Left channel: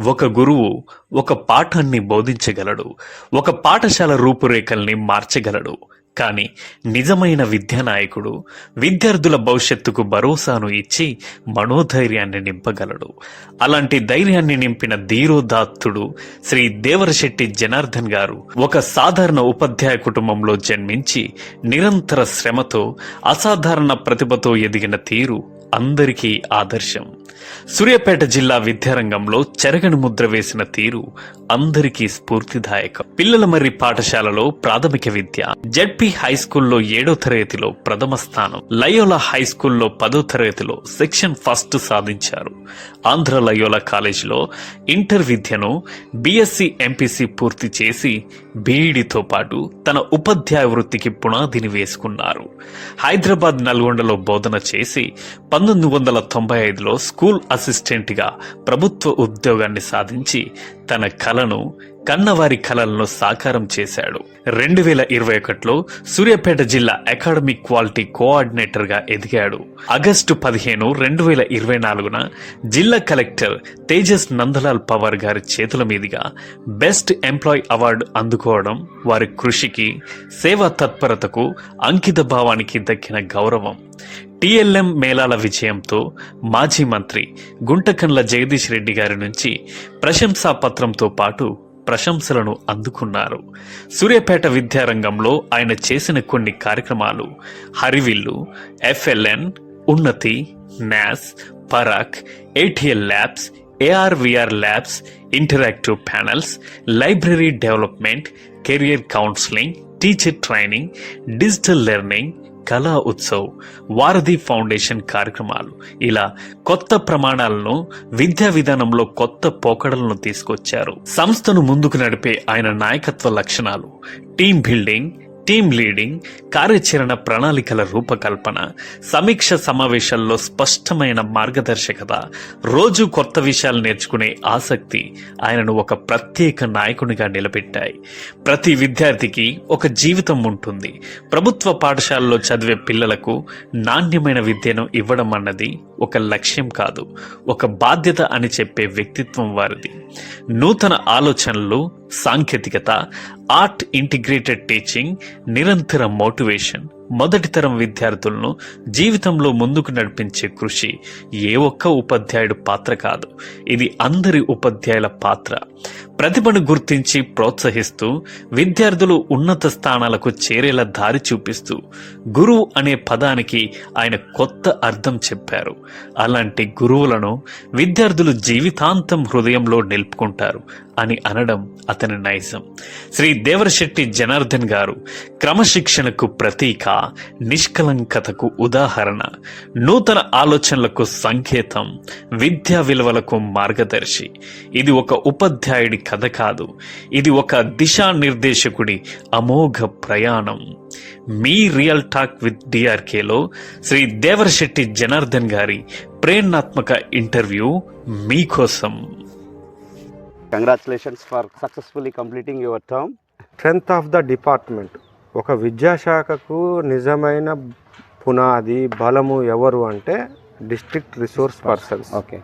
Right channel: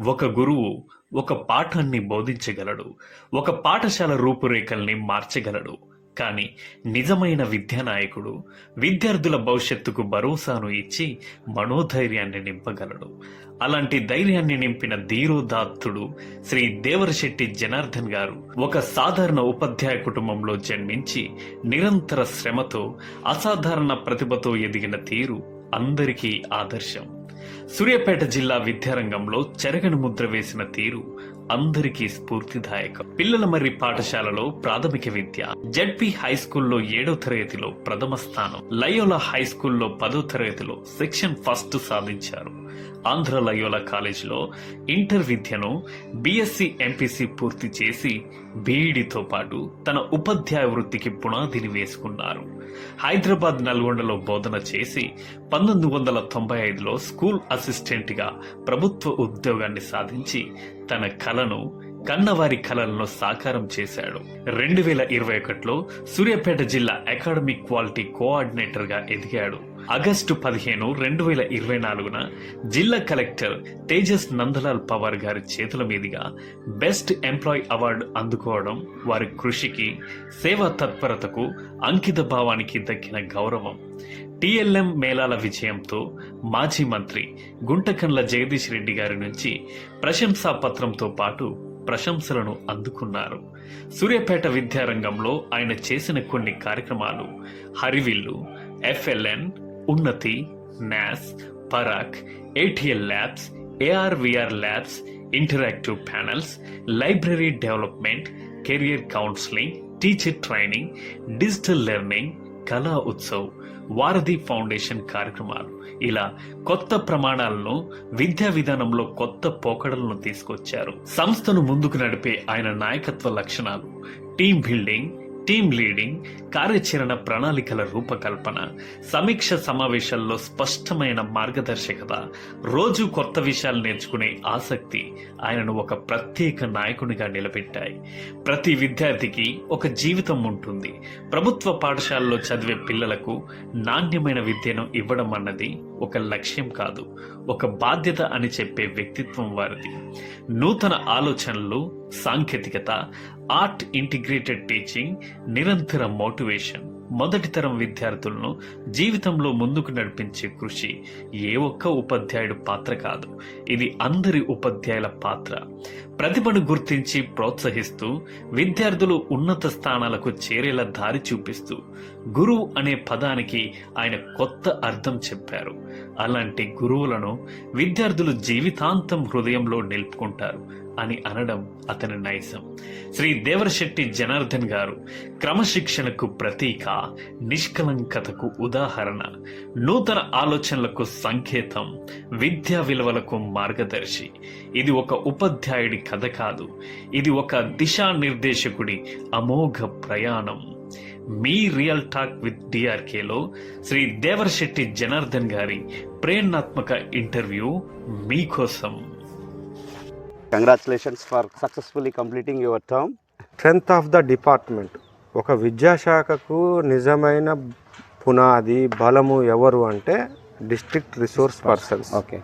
ఒక గురువు ఒక పాఠాన్ని బోధించగలడు. ఒక పాఠశాల రూపురేఖల్ని మార్చగలడు. కానీ నిజమైన విద్యానాయకుడు విద్యార్థుల భవిష్యత్తుకు భరోసాను ఇచ్చి మనోధైర్యాన్ని నింపగలడు. అలాంటి ధైర్యాన్ని నింపిన ధీరోదాత్తుడు శ్రీ దేవరశెట్టి జనార్దన్ గారు ఒక సాధారణ ఉపాధ్యాయ కుటుంబంలో జన్మించి నిరంతర శ్రమతో అసాధారణ ప్రతిభతో ఎదిగిన తీరు అందరికీ ఆదర్శం. సూర్యాపేట జిల్లా విద్యారంగంలో చెరగని ముద్ర వేసిన తీరు అందరికీ స్ఫూర్తిదాయకం. పిల్లల మర్రి పాఠశాలలో ప్రాథమిక విద్య జడ్పి హై స్కూల్లో ఏడో తరగతిలో ప్రథమ స్థానం లయోలా హై స్కూల్లో పదో తరగతిలో సెక్షన్ ఫస్ట్ సాధించారు. ఆంధ్ర లయోలా కాలేజీలో ఇంటర్ విద్యను బీఎస్సీ ఎంపీసీ పూర్తి చేసి బీఈడితో పాటు తన ఉపాధ్యాయ వృత్తికి పునాదిని వేసుకున్నారు. హైదరాబాద్ నల్గొండలో బోధన చేసి పంతొమ్మిది వందల తొంభై ఐదులో స్కూల్ స్కూల్ అసిస్టెంట్గా ప్రభుత్వ ఉద్యోగాన్ని సాధించి తన కలను కన్నవారి కలలను సాకారం చేశాడు. రెండు వేల ఇరవై ఒకటిలో సూర్యాపేట జిల్లా అకాడమిక్ క్వాలిటీ కోఆర్డినేటర్గా ఎదిగాడు. ఆగస్టు పదిహేను రెండు వేల ఇరవై నాలుగున జిల్లా కలెక్టర్ తేజస్ నందలాల్ పవార్ గారి చేతుల మీదుగా బెస్ట్ ఎంప్లాయ్ అవార్డు అందుకోవడం వారి కృషికి సేవా తత్పరతకు అంకిత భావానికి దక్కిన గౌరవం. టిఎల్ఎం మేళాల విజయంతో మాజీ మంత్రి గుంటకండ్ల జగదీష్ రెడ్డి గారి నుంచి ప్రశంసా పత్రంతో పాటు ప్రశంసలను అందుకున్నారు. సూర్యాపేట విద్యారంగంలో ఆయన చేసిన కొన్ని కార్యక్రమాలు Harivillu FLN Unnati NAS Parakh ATL labs AR VR labs interactive panels library development career counselling teacher training digital learning Kala Utsav Varadhi foundation కార్యక్రమాలు. ఇలా కొత్త ప్రమాణాలను విద్యా విధానంలో కొత్త పోకడలను తీసుకొచ్చారు. సంస్థను ముందుకు నడిపే ఆయన నాయకత్వ లక్షణాలు. టీమ్ బిల్డింగ్ టీమ్ లీడింగ్ కార్యాచరణ ప్రణాళికల రూపకల్పన సమీక్ష సమావేశాల్లో స్పష్టమైన మార్గదర్శకత రోజు కొత్త విషయాలు నేర్చుకునే ఆసక్తి ఆయనను ఒక ప్రత్యేక నాయకునిగా నిలబెట్టాయి. ప్రతి విద్యార్థికి ఒక జీవితం ఉంటుంది. ప్రభుత్వ పాఠశాలలో చదివే పిల్లలకు నాణ్యమైన విద్యను ఇవ్వడం అన్నది ఒక లక్ష్యం కాదు ఒక బాధ్యత అని చెప్పే వ్యక్తిత్వం వారిది. నూతన ఆలోచనలు సాంకేతికత ఆర్ట్ ఇంటిగ్రేటెడ్ టీచింగ్ నిరంతర మోటివేషన్ మొదటి తరం విద్యార్థులను జీవితంలో ముందుకు నడిపించే కృషి ఏ ఒక్క ఉపాధ్యాయుడు పాత్ర కాదు. ఇది అందరి ఉపాధ్యాయుల పాత్ర. ప్రతిభను గుర్తించి ప్రోత్సహిస్తూ విద్యార్థులు ఉన్నత స్థానాలకు చేరేలా దారి చూపిస్తూ గురువు అనే పదానికి ఆయన కొత్త అర్థం చెప్పారు. అలాంటి గురువులను విద్యార్థులు జీవితాంతం హృదయంలో నిలుపుకుంటారు అని అనడం అతని నైజం. శ్రీ దేవరశెట్టి జనార్దన్ గారు క్రమశిక్షణకు ప్రతీక. నిష్కలంకతకు ఉదాహరణ నూతన ఆలోచనలకు సంకేతం విద్యా విలువలకు మార్గదర్శి. ఇది ఒక ఉపాధ్యాయుడి కథ కాదు ఇది ఒక దిశానిర్దేశకుడి అమోఘ ప్రయాణం. మీ రియల్ టాక్ విత్ డిఆర్కేలో శ్రీ దేవరశెట్టి జనార్దన్ గారి ప్రేరణాత్మక ఇంటర్వ్యూ మీకోసం. Congratulations for successfully completing your term strength of the department ఒక విద్యాశాఖకు నిజమైన పునాది బలము ఎవరు అంటే డిస్ట్రిక్ట్ రిసోర్స్ పర్సన్స్ ఓకే